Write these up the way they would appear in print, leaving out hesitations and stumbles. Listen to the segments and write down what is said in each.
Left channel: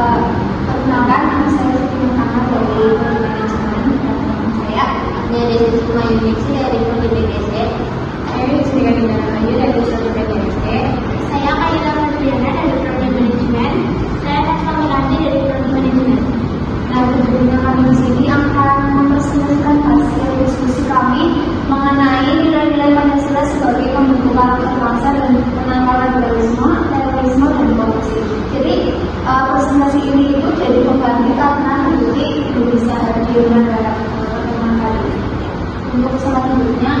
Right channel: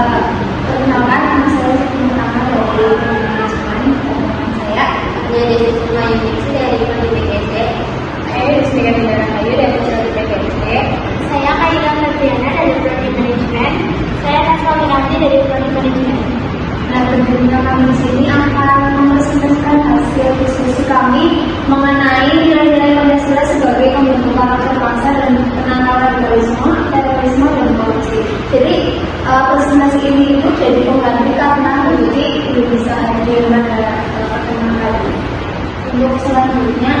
Perkenalkan, nama saya Siti dari manajemen. Saya dari semua unit dari PGC. Saya Yustika Dinarahayu dari PGC. Saya Kaira Febriana dari Prodi Manajemen. Saya Nasra Minarti dari Prodi Manajemen. Nah, tentunya kami di sini akan mempresentasikan hasil diskusi kami mengenai nilai-nilai Pancasila sebagai pembentuk karakter bangsa dan penantang radikalisme, terorisme, dan korupsi. Jadi presentasi ini itu jadi pengganti karena jadi belum bisa hadir pada pertemuan kali. Untuk selanjutnya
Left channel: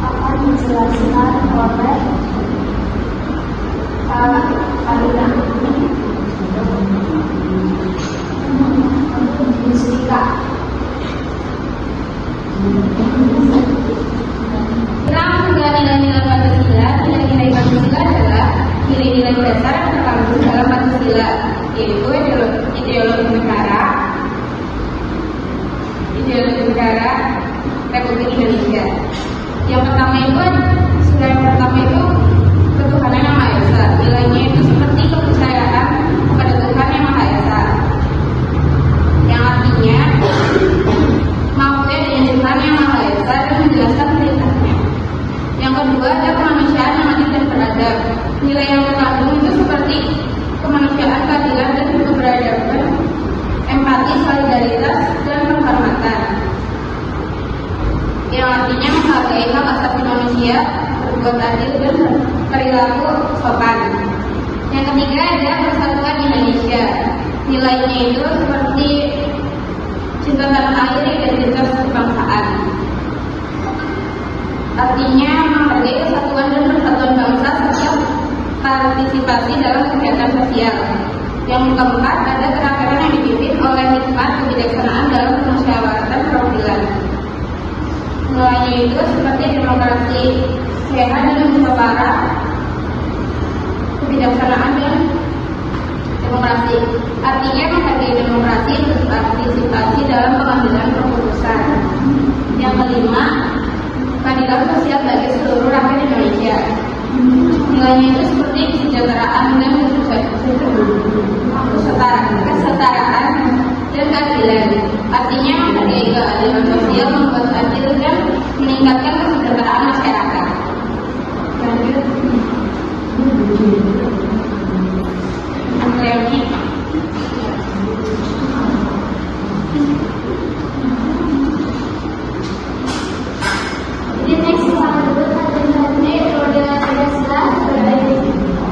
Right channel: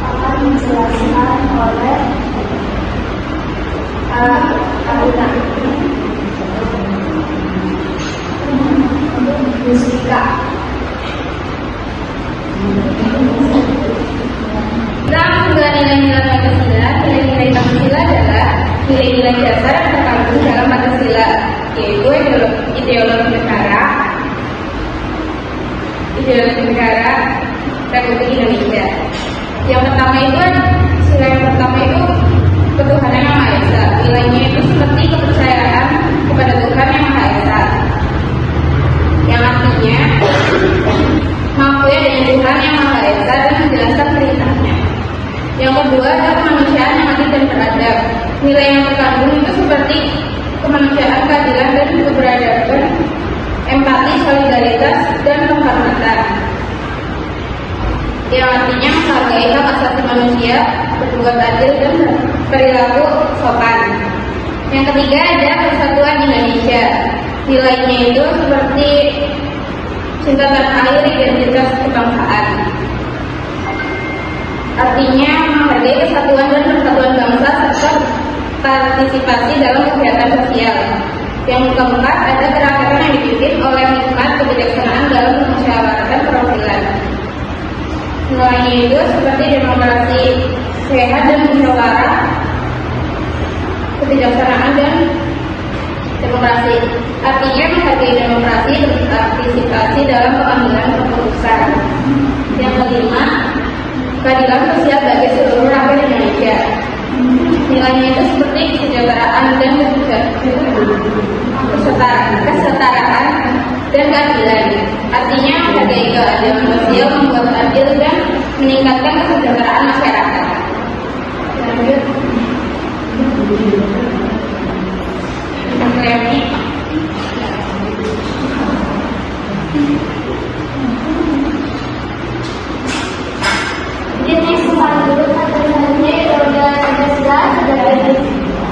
akan dijelaskan oleh Karina Yustika. Dalam nilai-nilai Pancasila, nilai-nilai Pancasila adalah nilai-nilai dasar yang terkandung dalam Pancasila, yaitu ideologi negara Republik Indonesia. Yang pertama itu ketuhanan yang Maha Esa. Nilainya itu seperti kepercayaan kepada Tuhan yang Maha Esa, yang artinya mengakui dengan Tuhan yang Maha Esa dan menjelaskan perintahnya. Yang kedua adalah kemanusiaan yang adil dan beradab. Nilai yang terkandung itu seperti kemanusiaan, keadilan, dan keberadaban, empati, solidaritas, dan penghormatan, yang artinya menghargai hak asasi manusia, berbuat adil, dan perilaku sopan. Yang ketiga adalah persatuan Indonesia. Nilainya itu seperti cinta tanah air, identitas kebangsaan, artinya menghargai kesatuan dan persatuan bangsa serta partisipasi dalam kegiatan sosial. Yang keempat ada gerakan yang dipimpin oleh hikmat kebijaksanaan dalam musyawaratan perwakilan. Nilainya itu seperti demokrasi sehat dan musyawarah, kebijaksanaan dan demokrasi, artinya menghargai demokrasi, berpartisipasi dalam pengambilan keputusan. Yang kelima, keadilan sosial bagi seluruh rakyat Indonesia. Nilainya itu seperti kesejahteraan dan kesetaraan dan keadilan, artinya menghargai keadilan sosial, membuat adil dan meningkatkan kesejahteraan masyarakat. Lanjut. Jadi selanjutnya ideologi Pancasila sebagai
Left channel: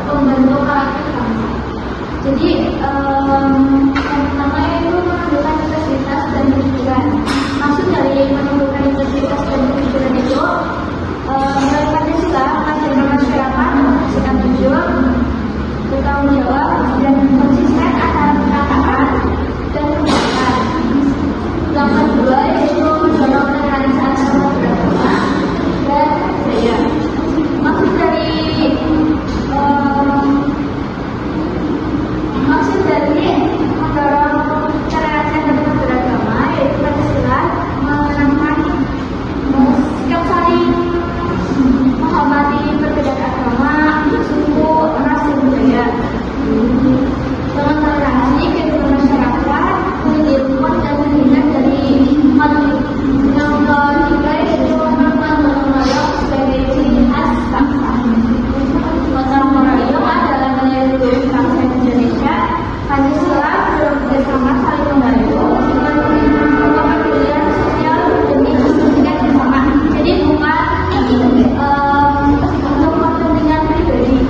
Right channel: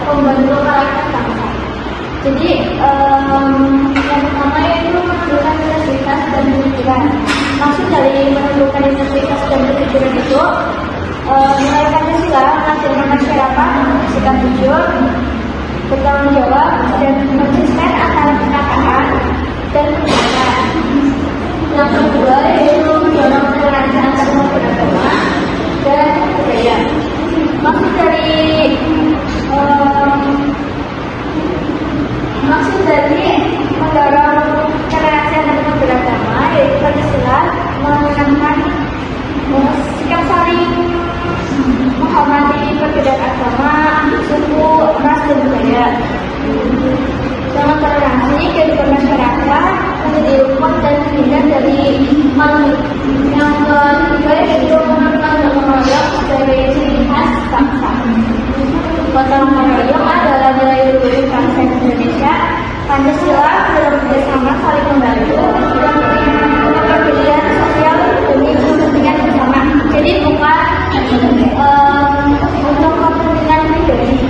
pembentuk karakter bangsa. Jadi yang pertama yaitu menentukan integritas dan pendidikan. Maksud dari menentukan integritas dan pendidikan itu nilai Pancasila mengajarkan masyarakat bersikap jujur, bertanggung jawab, dan konsisten antara kenakaan dan kebenaran. Yang kedua yaitu mendorong toleransi antar umat beragama dan budaya. Maksud dari mendorong toleransi antar umat beragama yaitu Pancasila menekankan sikap saling menghormati perbedaan agama, suku, ras, dan budaya. Dengan toleransi, kehidupan masyarakat menjadi rukun dan terhindar dari konflik. Yang ketiga yaitu mengenal gotong royong sebagai ciri khas bangsa. Gotong royong adalah nilai luhur bangsa Indonesia. Pancasila adalah bersama saling membantu dan kepedulian sosial demi kepentingan bersama. Jadi bukan untuk kepentingan pribadi.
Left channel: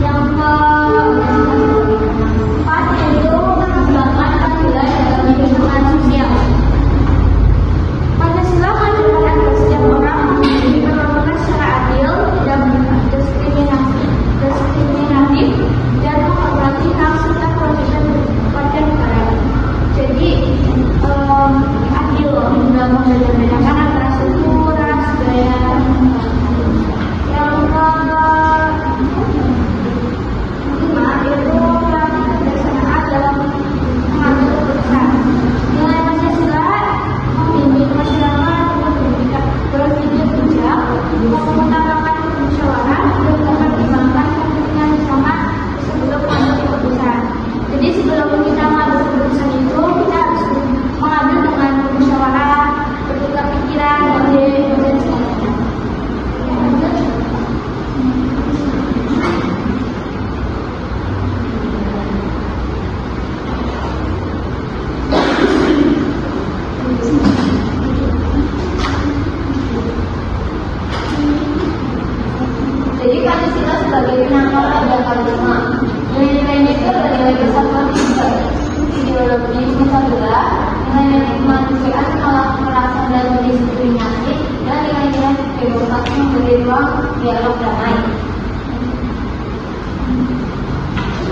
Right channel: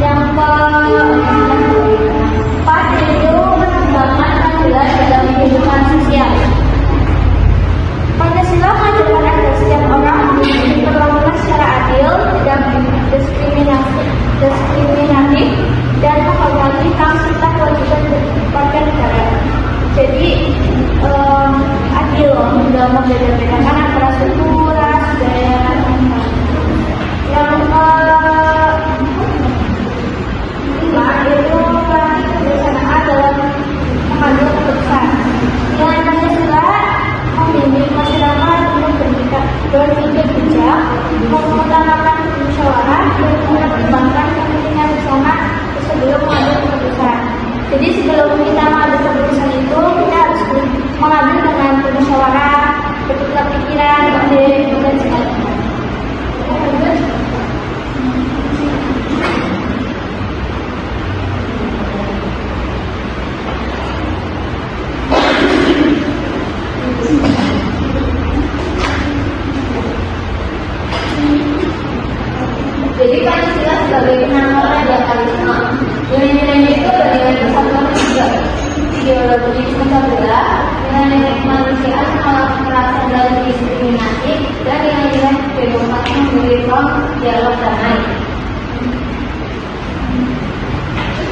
Yang keempat itu menegakkan keadilan dalam kehidupan sosial. Pancasila mengajarkan agar setiap orang diperlakukan secara adil, tidak diskriminatif, dan menghormati hak serta kewajiban warga negara. Jadi adil, tidak membeda-bedakan antara suku, ras, dan yang kelima itu kebijaksanaan dalam mengambil keputusan. Nilai Pancasila membimbing masyarakat untuk berpikir bijak, mengutamakan musyawarah, dan mempertimbangkan kepentingan bersama sebelum mengambil keputusan. Jadi sebelum kita mengambil keputusan itu, kita harus mengambil dengan bermusyawarah, bertukar pikiran, dan sebagainya. Jadi Pancasila sebagai penanggal radikalisme. Nilai-nilainya itu adalah nilai persatuan dan juga ideologi Pancasila, nilai-nilai kemanusiaan, menolak kekerasan dan diskriminasi, dan nilai-nilai demokrasi memberi ruang dialog damai.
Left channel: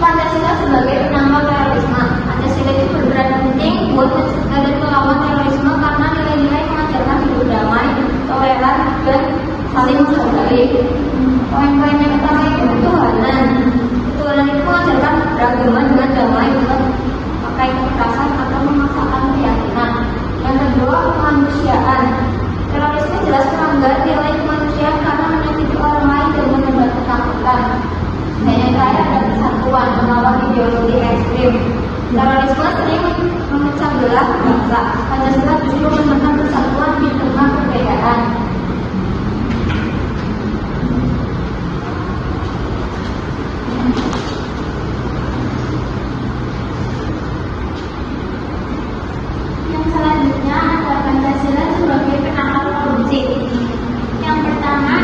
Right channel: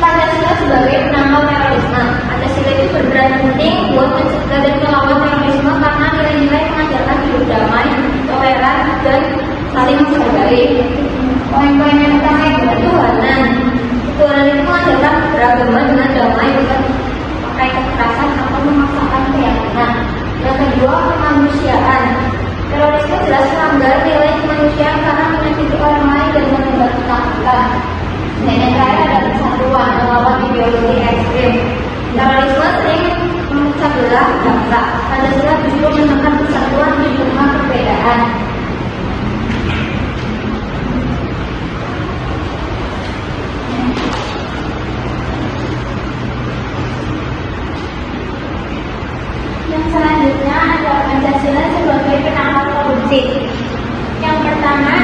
Pancasila sebagai penanggal terorisme. Pancasila itu berperan penting buat mencegah dan melawan terorisme karena nilai-nilai mengajarkan hidup damai, toleran, dan saling menghargai. Poin-poin yang pertama itu ketuhanan. Ketuhanan itu mengajarkan beragama dengan damai, bukan pakai kekerasan atau memaksakan keyakinan. Yang kedua, kemanusiaan. Terorisme jelas melanggar nilai kemanusiaan karena menyakiti orang lain dan menebar ketakutan. Dan yang terakhir ada persatuan, melawan ideologi ekstrim. Terorisme sering memecah belah bangsa. Pancasila justru menekan persatuan di tengah perbedaan. Yang selanjutnya ada Pancasila sebagai penangkal korupsi. Yang pertama,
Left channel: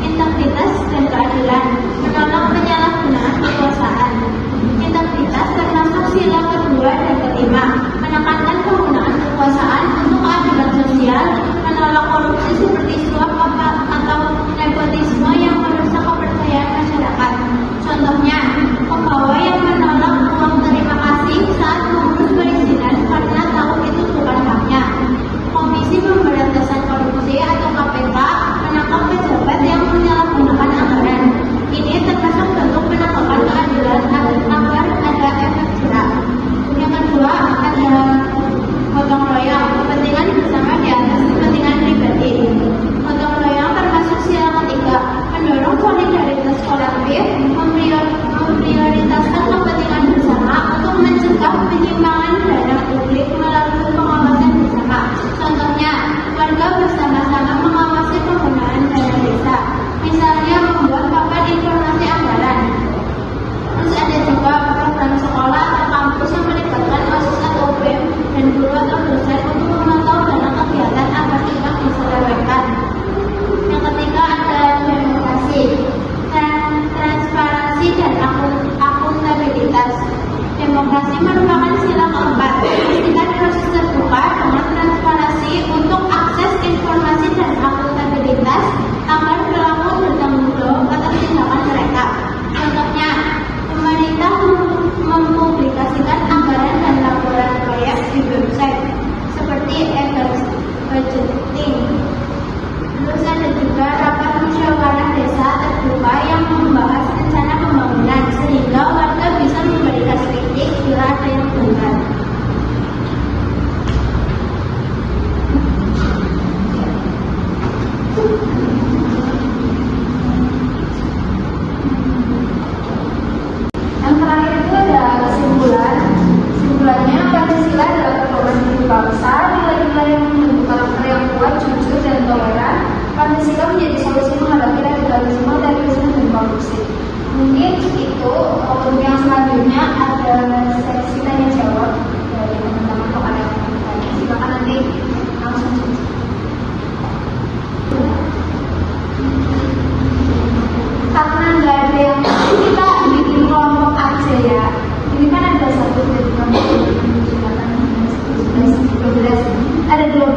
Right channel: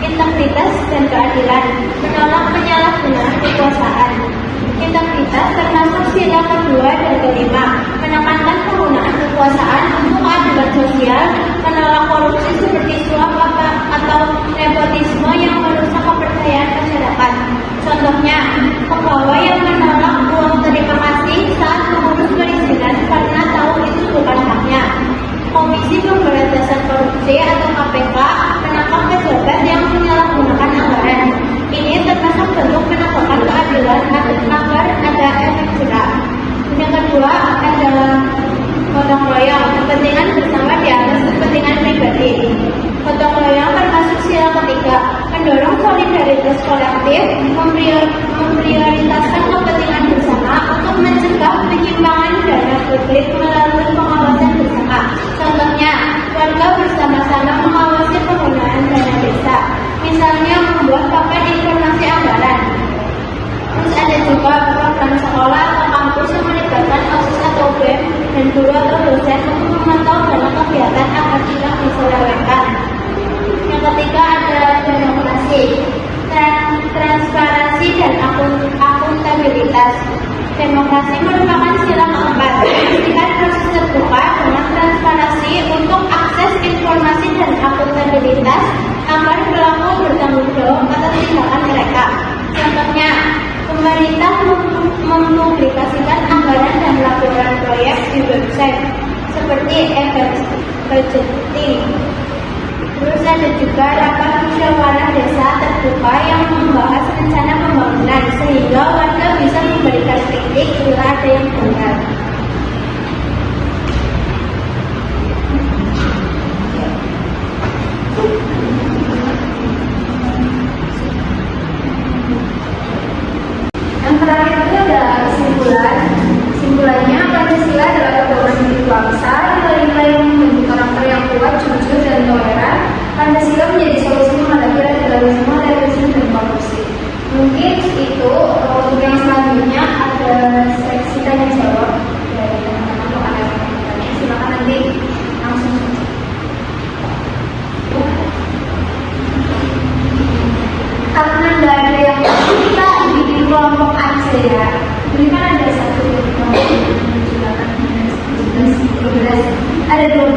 integritas dan keadilan, menolak penyalahgunaan kekuasaan. Integritas termasuk sila kedua dan kelima, menekankan penggunaan kekuasaan untuk keadilan sosial, menolak korupsi seperti suap atau nepotisme yang merusak kepercayaan masyarakat. Contohnya, pegawai yang menolak uang terima kasih saat mengurus perizinan karena tahu itu bukan haknya. Komisi Pemberantasan Korupsi atau KPK menangkap pejabat yang menyalahgunakan anggaran. Ini termasuk bentuk penegakan keadilan agar ada efek jerah. Yang kedua ada gotong royong, kepentingan bersama di atas kepentingan pribadi. Gotong royong termasuk sila ketiga, mendorong solidaritas kolektif, memprioritaskan kepentingan bersama untuk mencegah penyimpangan dana publik melalui pengawasan bersama. Contohnya, warga bersama-sama mengawasi penggunaan dana desa, misalnya membuat papan informasi anggaran. Terus ada juga program sekolah atau kampus yang melibatkan OSIS atau BEM dan guru atau dosen untuk memantau dana kegiatan agar tidak diselewengkan. Yang ketiga ada demokrasi, transparansi dan akuntabilitas. Demokrasi merupakan sila keempat, memastikan proses terbuka dengan transparansi untuk akses informasi dan akuntabilitas agar pelaku bertanggung jawab atas tindakan mereka. Contohnya, pemerintah mempublikasikan anggaran dan laporan proyek di website seperti e-budgeting. Terus ada juga rapat musyawarah desa terbuka yang membahas rencana pembangunan sehingga warga bisa memberikan kritik bila ada yang benar. Yang terakhir itu ada kesimpulan. Kesimpulannya, Pancasila adalah pedoman hidup bangsa, nilai-nilai yang membentuk karakter yang kuat, jujur, dan toleran. Pancasila menjadi solusi menghadapi radikalisme, terorisme, dan korupsi. Mungkin itu. Untuk yang selanjutnya ada seksi tanya jawab dari teman-teman pengajar. Silakan nanti langsung. Karena tidak ada yang kita bikin kelompok aja ya. Ini kan ada satu ada 12.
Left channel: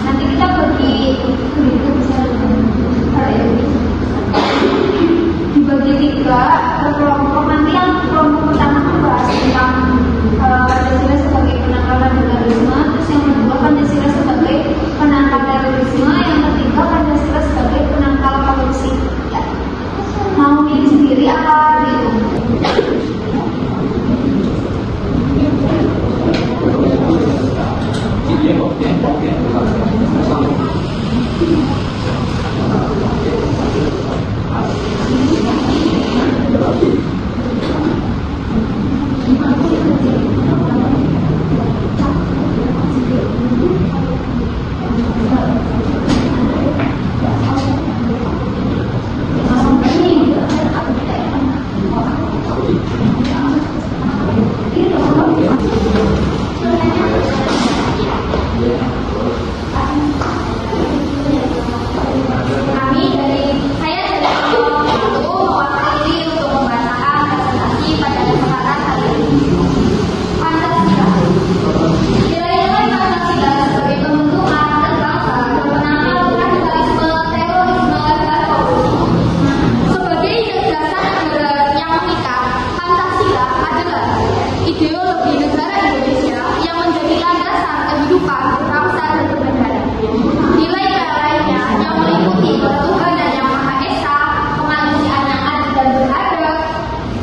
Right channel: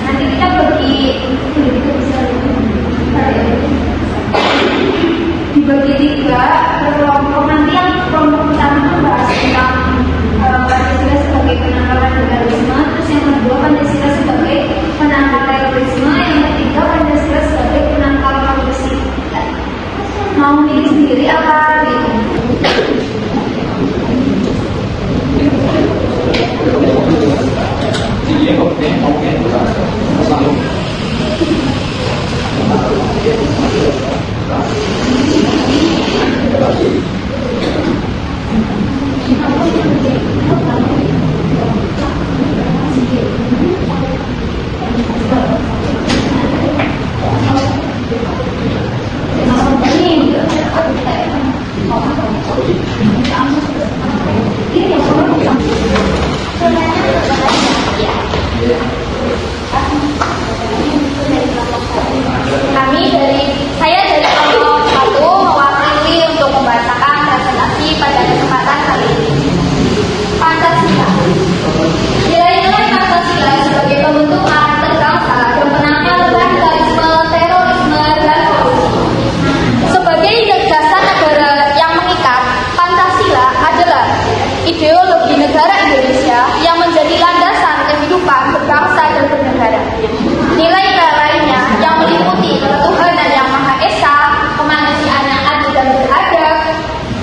Nanti kita bagi dibagi 3 per kelompok. Nanti yang kelompok pertama membahas tentang Pancasila sebagai penangkal radikalisme, terus yang kedua Pancasila sebagai penangkal terorisme, yang ketiga Pancasila sebagai penangkal korupsi. Mau pilih sendiri apa gitu? ideologi negara Indonesia yang menjadi landasan kehidupan berbangsa dan bernegara. Nilai-nilai lainnya yang meliputi ketuhanan yang Maha Esa, kemanusiaan yang adil dan beradab,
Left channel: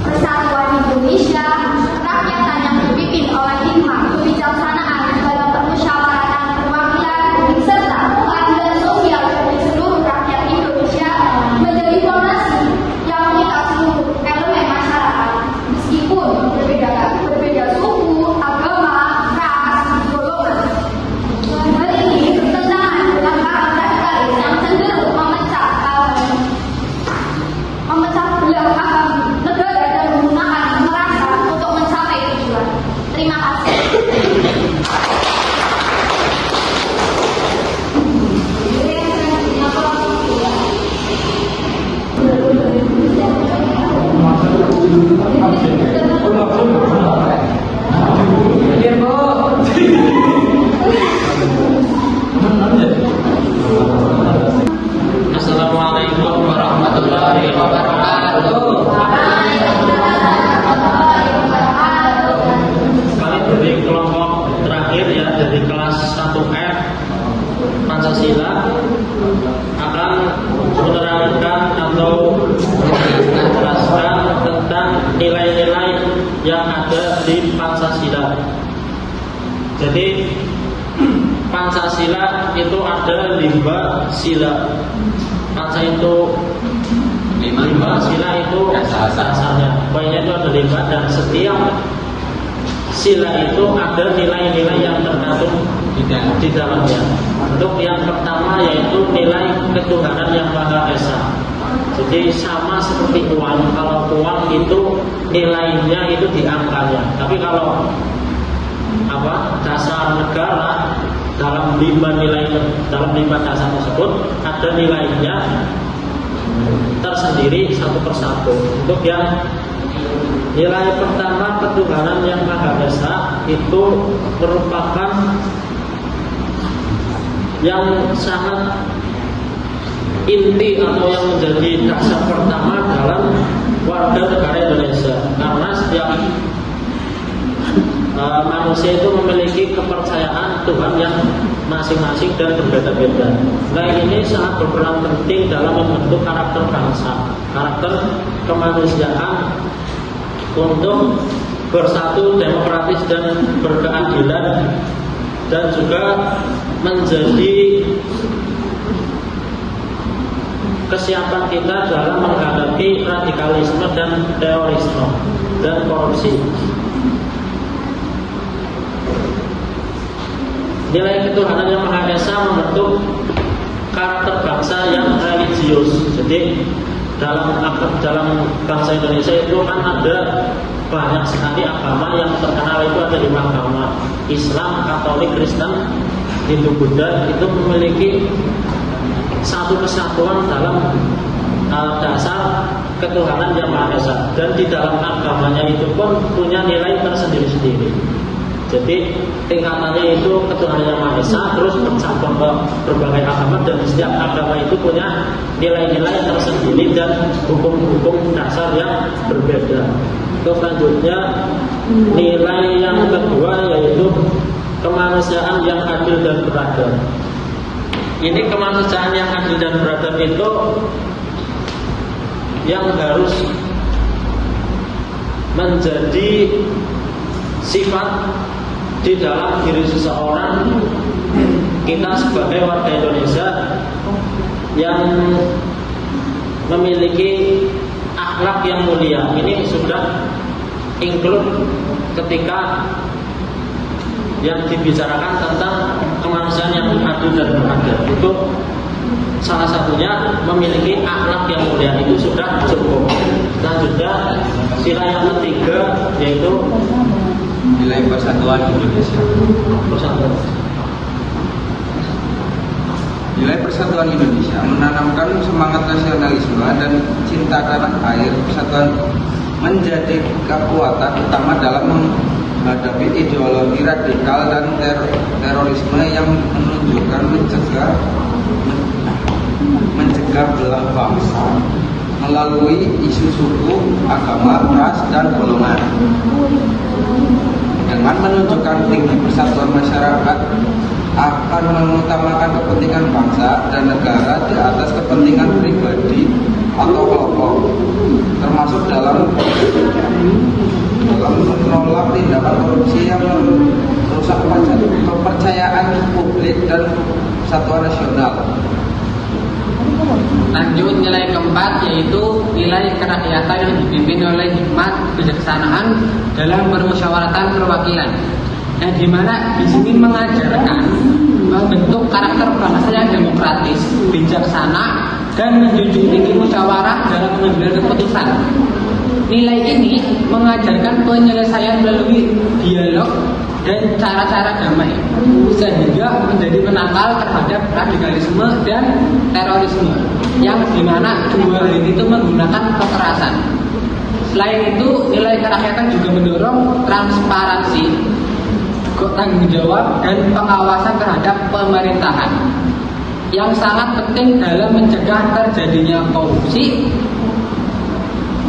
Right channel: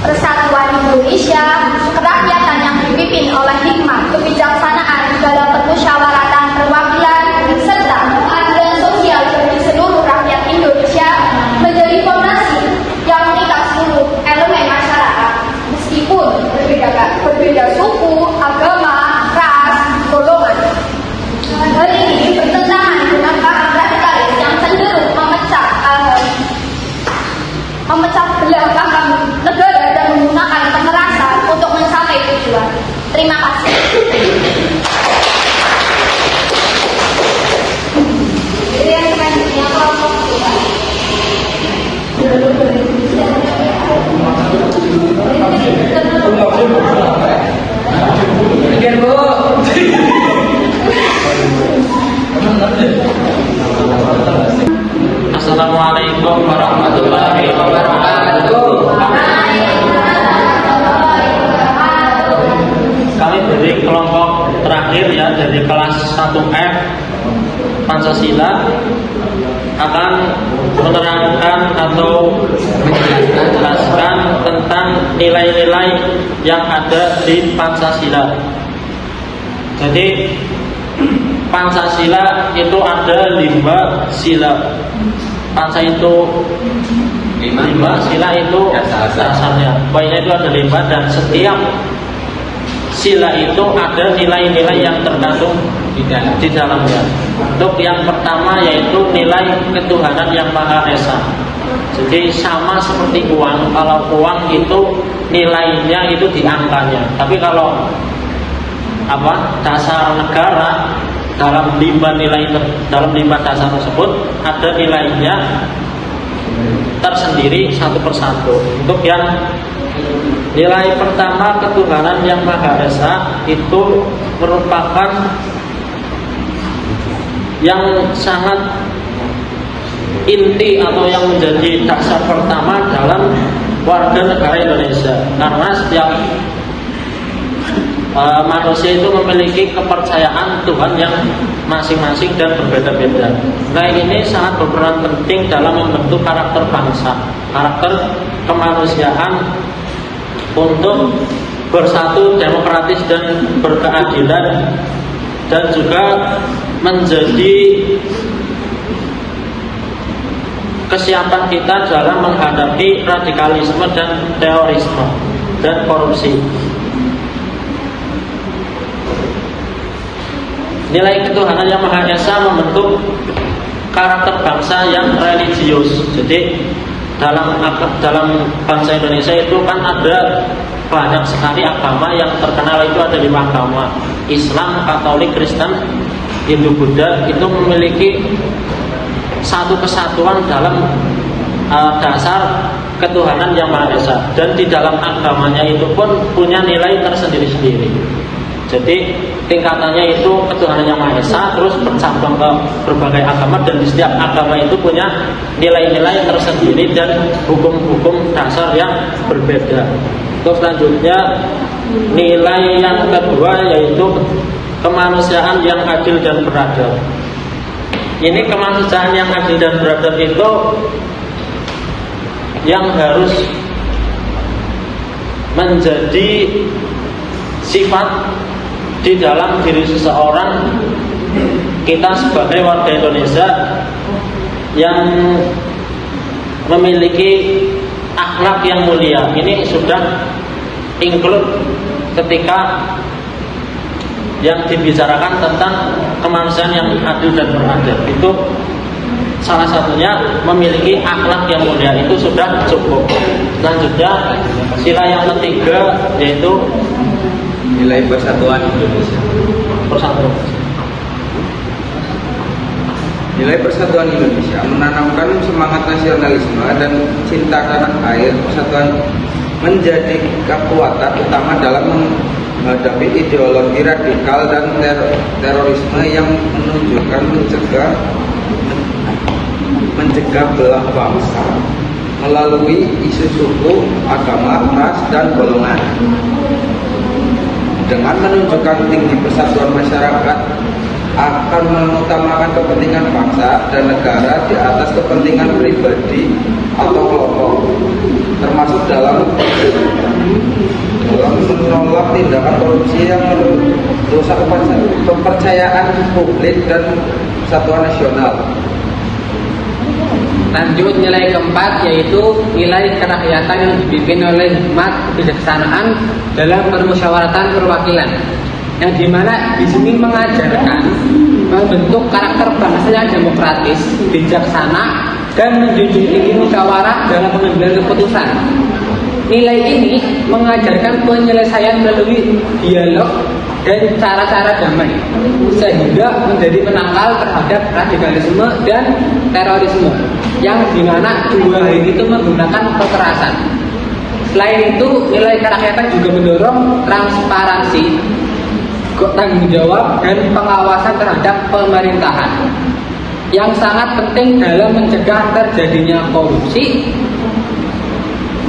persatuan Indonesia, kerakyatan yang dipimpin oleh hikmah, kebijaksanaan dalam permusyawaratan perwakilan, serta keadilan sosial bagi seluruh rakyat Indonesia menjadi fondasi yang mengikat seluruh elemen masyarakat, meskipun berbeda suku, agama, ras, golongan. Hal ini bertentangan dengan paham radikalis yang cenderung memecah belah paham negara dan menggunakan kekerasan untuk mencapai tujuan. Terima kasih. Assalamualaikum warahmatullahi wabarakatuh. Kami dari kelompok terakhir ya, dari kelas 1F Pancasila akan menerangkan atau menjelaskan tentang nilai-nilai yang ada di Pancasila. Jadi Pancasila itu ada 5 sila. Panca itu 5 sila itu dasarnya. Pokoknya itu ada 5 dan setiap sila itu ada nilai-nilai yang terkandung di dalamnya. Untuk yang pertama yaitu nilai ketuhanan yang Maha Esa. Jadi sama seperti uang. Kalau uang itu nilainya itu di angkanya. Tapi kalau dasar negara dalam 5 dasar tersebut ada nilainya tersendiri satu persatu. Untuk yang nilai pertama ketuhanan yang Maha Esa itu merupakan yang sangat inti atau yang menjadi dasar pertama dalam warga negara Indonesia, karena setiap manusia itu memiliki kepercayaan Tuhan yang masing-masing dan berbeda-beda. Nah, ini sangat berperan penting dalam membentuk karakter bangsa, karakter kemanusiaan untuk bersatu, demokratis dan berkeadilan, dan juga menjadi kesiapan kita dalam menghadapi radikalisme dan terorisme dan korupsi. Nilai ketuhanan yang Maha Esa membentuk karakter bangsa yang religius. Jadi dalam bangsa Indonesia itu kan ada banyak sekali agama yang terkenal, itu ada 5 agama: Islam, Katolik, Kristen, Hindu, Buddha. Itu memiliki satu kesatuan dalam dasar ketuhanan yang Maha Esa, dan di dalam agamanya itu pun punya nilai tersendiri-sendiri. Jadi tingkatannya itu ketuhanan yang Maha Esa, terus bercabang ke berbagai agama, dan di setiap agama itu punya nilai-nilai tersendiri dan hukum-hukum dasar yang berbeda. Terus selanjutnya nilai yang kedua yaitu kemanusiaan yang adil dan beradab. Ini kemanusiaan yang adil dan beradab itu yang harus menjadi sifat di dalam diri seseorang, kita sebagai warga Indonesia yang memiliki akhlak yang mulia. Ini sudah include ketika yang dibicarakan tentang kemanusiaan yang adil dan beradab. Itu salah satunya memiliki akhlak yang mulia, itu sudah cukup. Selanjutnya sila yang ketiga yaitu nilai persatuan Indonesia. Nilai persatuan Indonesia menanamkan semangat nasionalisme dan cinta tanah air. Persatuan menjadi kekuatan utama dalam menghadapi ideologi radikal dan terorisme yang menunjukkan mencegah belah bangsa melalui isu suku, agama, ras, dan golongan. dengan menunjukkan tinggi persatuan masyarakat akan mengutamakan kepentingan bangsa dan negara di atas kepentingan pribadi atau kelompok, termasuk dalam menolak tindakan korupsi yang merusak kepercayaan publik dan kesatuan nasional. Lanjut, nilai keempat yaitu nilai kerakyatan yang dipimpin oleh hikmat kebijaksanaan dalam permusyawaratan perwakilan, yang dimana di sini mengajarkan membentuk karakter bangsa yang demokratis, bijaksana, dan menjunjung tinggi musyawarah dalam pengambilan keputusan. Nilai ini mengajarkan penyelesaian melalui dialog dan cara-cara damai, sehingga menjadi penangkal terhadap radikalisme dan terorisme, yang dimana dua hal itu menggunakan kekerasan. Selain itu, nilai kerakyatan juga mendorong transparansi, tanggung jawab, dan pengawasan terhadap pemerintahan, yang sangat penting dalam mencegah terjadinya korupsi.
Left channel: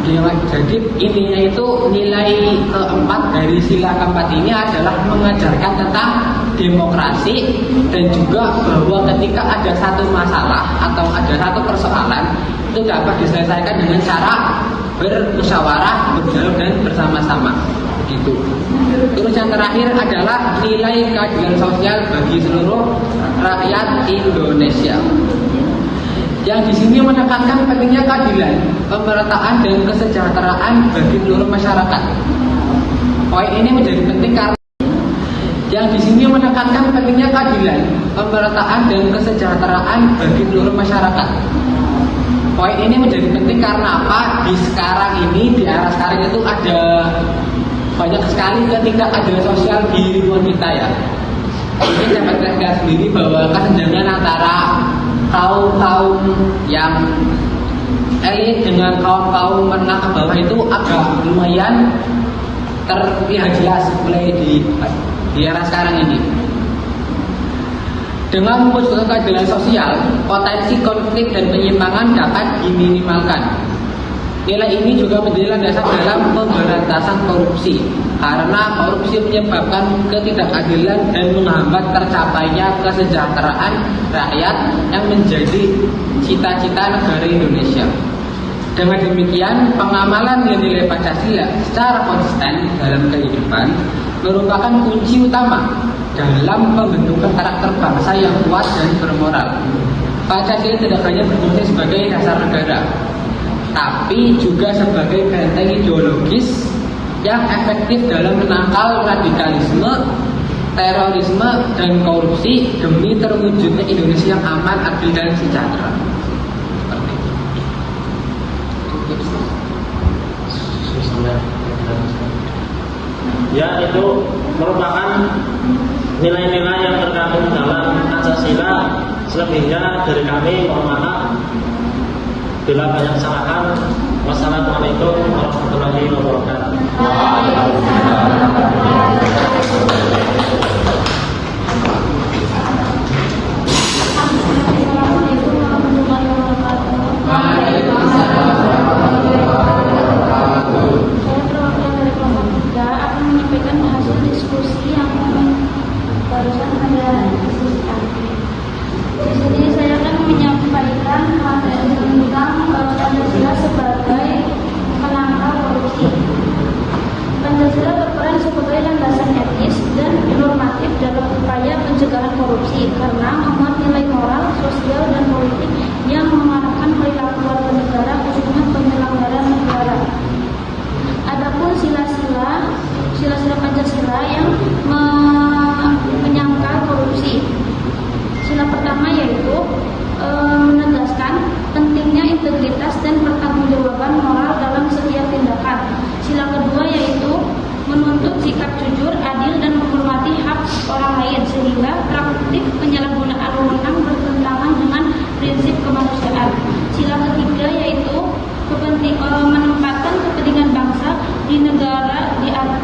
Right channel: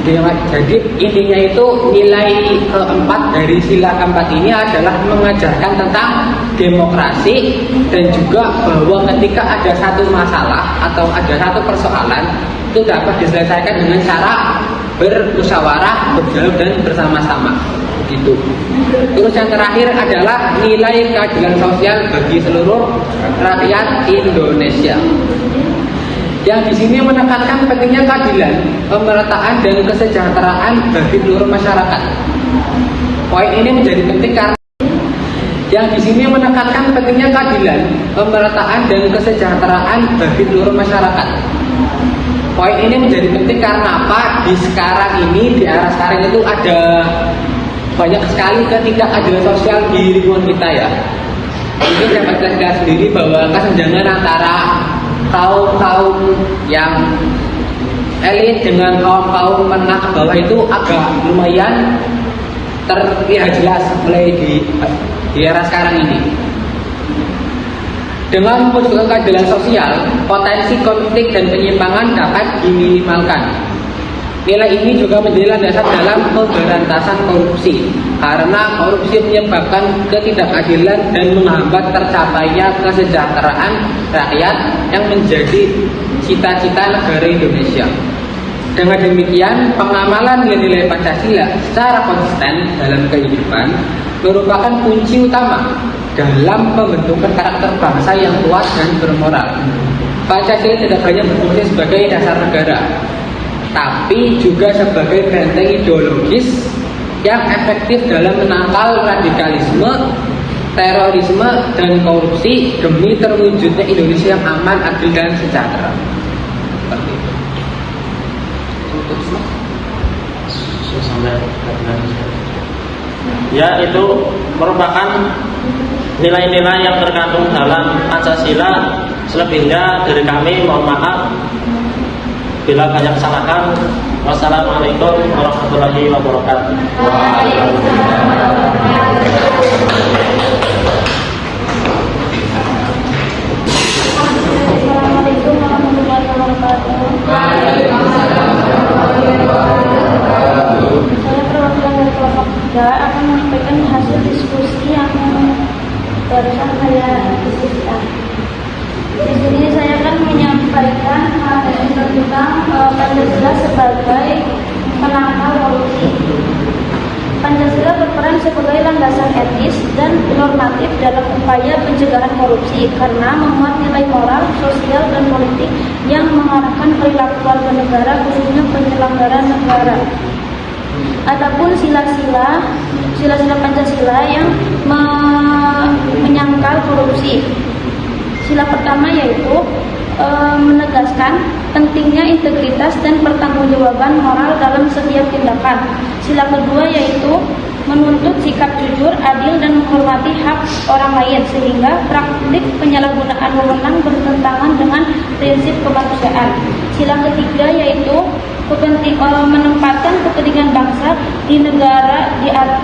Jadi intinya itu nilai keempat dari sila keempat ini adalah mengajarkan tentang demokrasi, dan juga bahwa ketika ada satu masalah atau ada satu persoalan itu dapat diselesaikan dengan cara bermusyawarah, berdialog, dan bersama-sama. Begitu. Terus yang terakhir adalah nilai keadilan sosial bagi seluruh rakyat Indonesia, yang di sini menekankan pentingnya keadilan, pemerataan, dan kesejahteraan bagi seluruh masyarakat. Poin ini menjadi penting karena yang di sini menekankan pentingnya keadilan, pemerataan, dan kesejahteraan bagi seluruh masyarakat. Poin ini menjadi penting karena apa? Di sekarang ini, di era sekarang itu ada banyak sekali ketidakadilan sosial di lingkungan kita ya. Mungkin dapat kita lihat sendiri bahwa kesenjangan antara kaum yang elit dengan kaum menengah ke bawah itu agak lumayan terlihat jelas mulai di era sekarang ini. Dengan mewujudkan keadilan sosial, potensi konflik dan penyimpangan dapat diminimalkan. Nilai ini juga menjadi landasan dalam pemberantasan korupsi, karena korupsi menyebabkan ketidakadilan dan menghambat tercapainya kesejahteraan rakyat yang menjadi cita-cita negara Indonesia. Dengan demikian, pengamalan nilai-nilai Pancasila secara konsisten dalam kehidupan merupakan kunci utama dalam pembentukan karakter bangsa yang kuat dan bermoral. Pancasila tidak hanya berfungsi sebagai dasar negara, tapi juga sebagai benteng ideologis yang efektif dalam menangkal radikalisme, terorisme, dan korupsi demi terwujudnya Indonesia yang aman, adil, dan sejahtera. Seperti itu. Ya, itu merupakan nilai-nilai yang terkandung dalam Pancasila. Selebihnya dari kami mohon maaf bila banyak kesalahan. Wassalamualaikum warahmatullahi wabarakatuh. Assalamualaikum warahmatullahi wabarakatuh. Saya perwakilan dari kelompok 3 akan menyampaikan hasil diskusi yang barusan saya diskusikan. Di sini saya akan menyampaikan tentang Pancasila sebagai penangkal korupsi. Pancasila berperan sebagai landasan etis dan normatif dalam upaya pencegahan korupsi karena memuat nilai moral, sosial, dan politik yang mengarahkan perilaku warga negara, khususnya penyelenggara negara. Adapun sila-sila Pancasila yang menyangkal korupsi. Sila pertama yaitu menegaskan pentingnya integritas dan pertanggungjawaban moral dalam setiap tindakan. Sila kedua yaitu menuntut sikap jujur, adil, dan menghormati hak orang lain sehingga praktik penyalahgunaan wewenang bertentangan dengan prinsip kemanusiaan. Sila ketiga yaitu menempatkan kepentingan bangsa di negara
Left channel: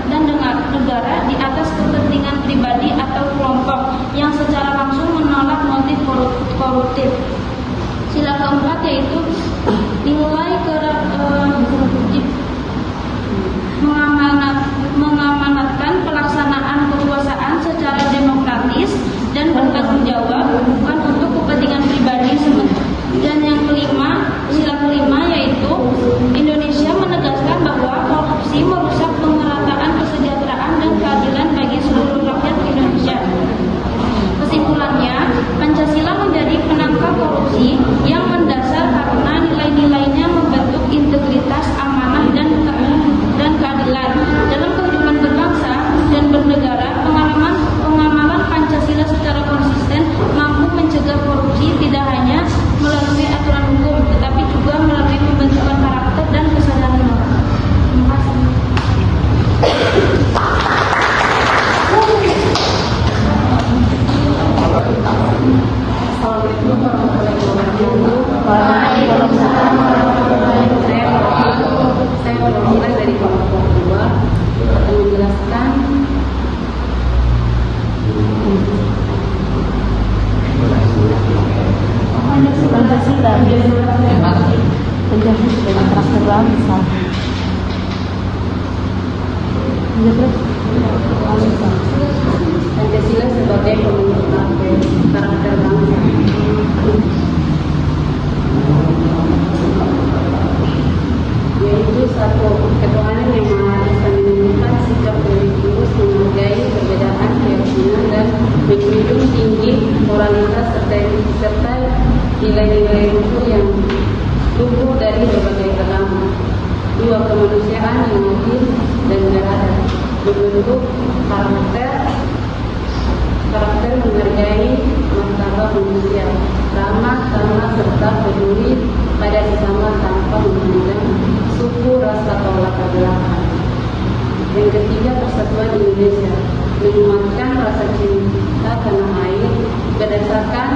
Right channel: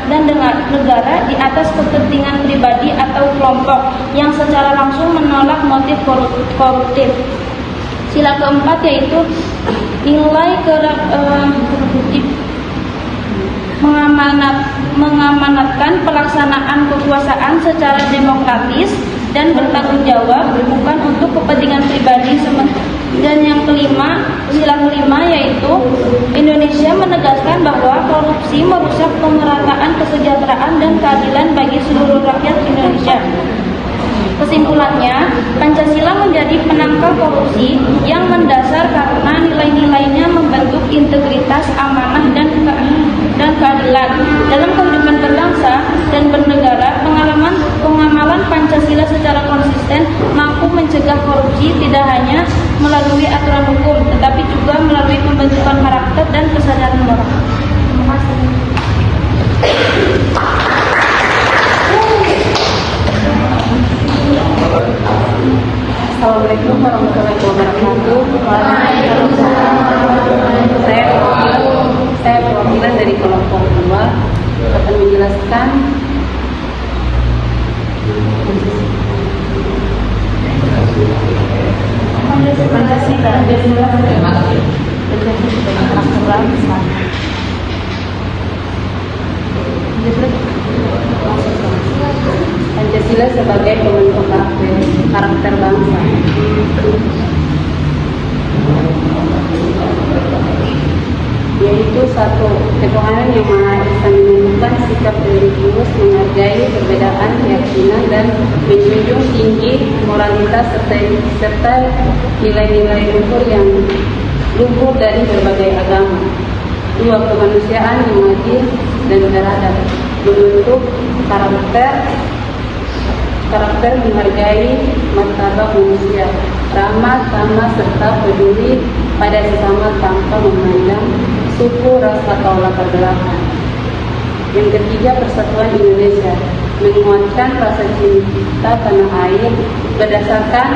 dan negara di atas kepentingan pribadi atau kelompok yang secara langsung menolak motif koruptif. Sila keempat yaitu nilai mengamanatkan pelaksanaan kekuasaan secara demokratis dan bertanggung jawab, bukan untuk kepentingan pribadi semata. Dan yang kelima, sila kelima, yaitu Indonesia menegaskan bahwa korupsi merusak pemerataan kesejahteraan dan keadilan bagi seluruh rakyat Indonesia. Kesimpulannya, Pancasila menjadi penangkal korupsi yang mendasar karena nilai-nilainya membentuk integritas, amanah, dan keadilan. Dalam kehidupan berbangsa dan bernegara, pengamalan Pancasila secara konsisten mampu mencegah korupsi tidak hanya melalui aturan hukum, tetapi juga melalui pembentukan karakter dan kesadaran moral. Terima kasih. Assalamualaikum warahmatullahi wabarakatuh. Saya perwakilan dari kelompok 2 akan menjelaskan Pancasila sebagai pembentuk karakter bangsa. Yaitu satu, ketuhanan yang Maha Esa menentukan sikap religius menghargai perbedaan keyakinan dan menjunjung tinggi moralitas serta nilai-nilai luhur dari berbagai agama. 2, kemanusiaan yang adil dan beradab, membentuk karakter menghargai martabat manusia, ramah, sama, serta peduli pada sesama tanpa memandang suku, ras, atau latar belakang. Yang ketiga, persatuan Indonesia, menguatkan rasa cinta tanah air berdasarkan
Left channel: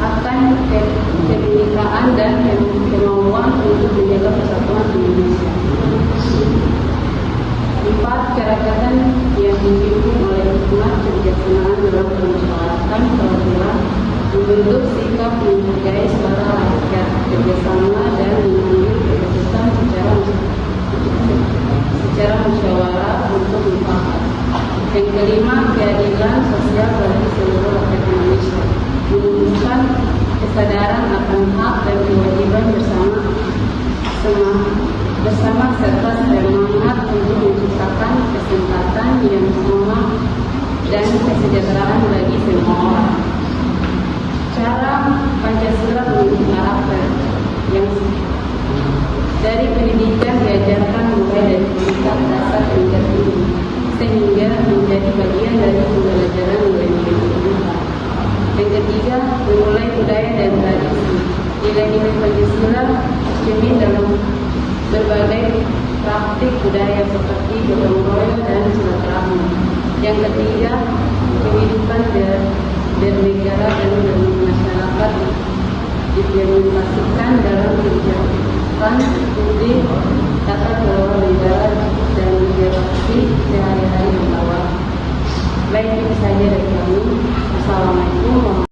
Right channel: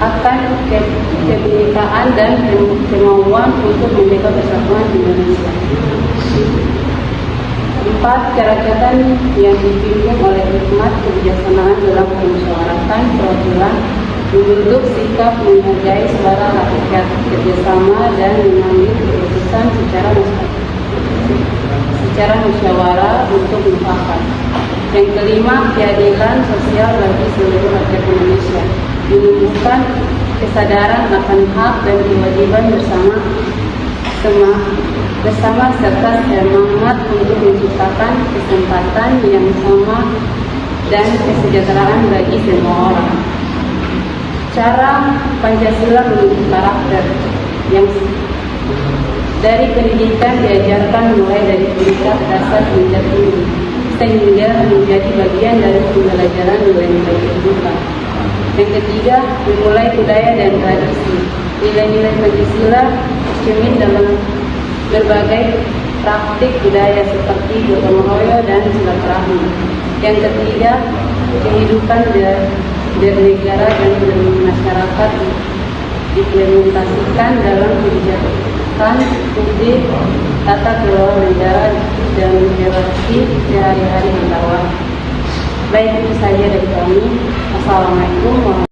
akan kebinekaan dan kemauan untuk menjaga persatuan Indonesia. 4, kerajaan yang dipimpin oleh hikmat kebijaksanaan dalam permusyawaratan perwakilan, membentuk sikap menghargai suara rakyat, kerjasama dan mengambil keputusan secara musyawarah untuk mufakat. Yang kelima, keadilan sosial bagi seluruh rakyat Indonesia, menumbuhkan kesadaran akan hak dan kewajiban bersama serta semangat untuk menciptakan kesempatan yang sama dan kesejahteraan bagi semua orang. Cara Pancasila membentuk karakter yang dari pendidikan diajarkan mulai dari pendidikan dasar hingga tinggi, sehingga menjadi bagian dari pembelajaran nilai-nilai kehidupan. Yang ketiga, dimulai budaya dan tradisi. Nilai-nilai Pancasila cermin dalam berbagai praktik budaya seperti gotong royong dan silaturahmi. Yang ketiga, kehidupan bernegara dan bermasyarakat diimplementasikan dalam kebijakan publik, tata kelola negara, dan interaksi sehari-hari antar warga. Baik, itu saja dari kami. Assalamualaikum warahmatullahi wabarakatuh.